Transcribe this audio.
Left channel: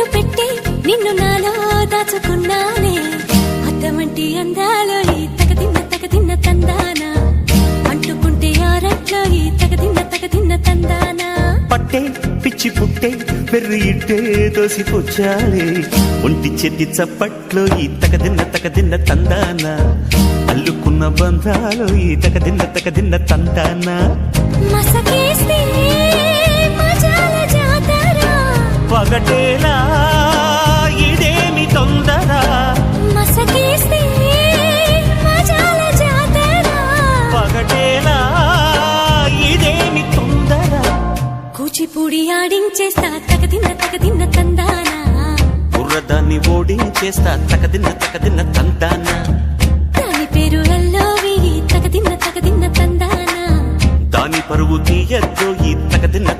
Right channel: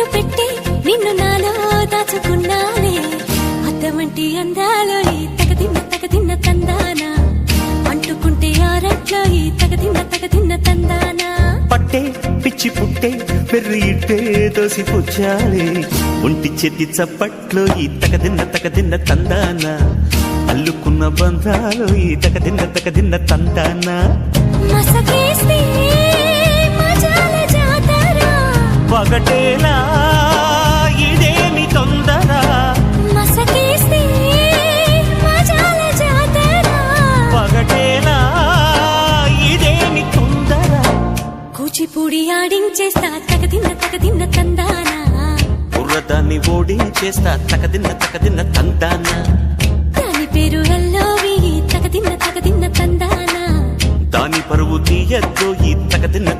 కన్ను పెట్టే నిన్ను నాలో దాచుకున్నానే అద్దమంటి అందాలో ఈ తగదిన్న తందానా అంటుకుంటే ఆరట్లో ఈ తగదిన్న తందానా పట్టే పిచ్చి పుట్టే పెర్రి ఇట్టే దోసిపుచ్చాలే ఒంటి చేతి చప్పట్లో ఈ తగదిన్న తందానా అల్లుకున్న బంధాలు ఈ తగదిన్న తందానా మసకేస్తే మజాల జాతర పగటేలా ఇదేమి తొందర మసకేస్తే మజాల జాతర పగటేలా ఇదేమి తొందర కూచిపూడి ఆడించేస్తా తగదిన్న తందానా బుర్రదాన్ని ఓడించేస్తా తగదిన్న తందానా దాని పేరు ఎల్లోవి తగదిన్న తందానా దాని పరువు తీయద్దు ఈ తగదిన్న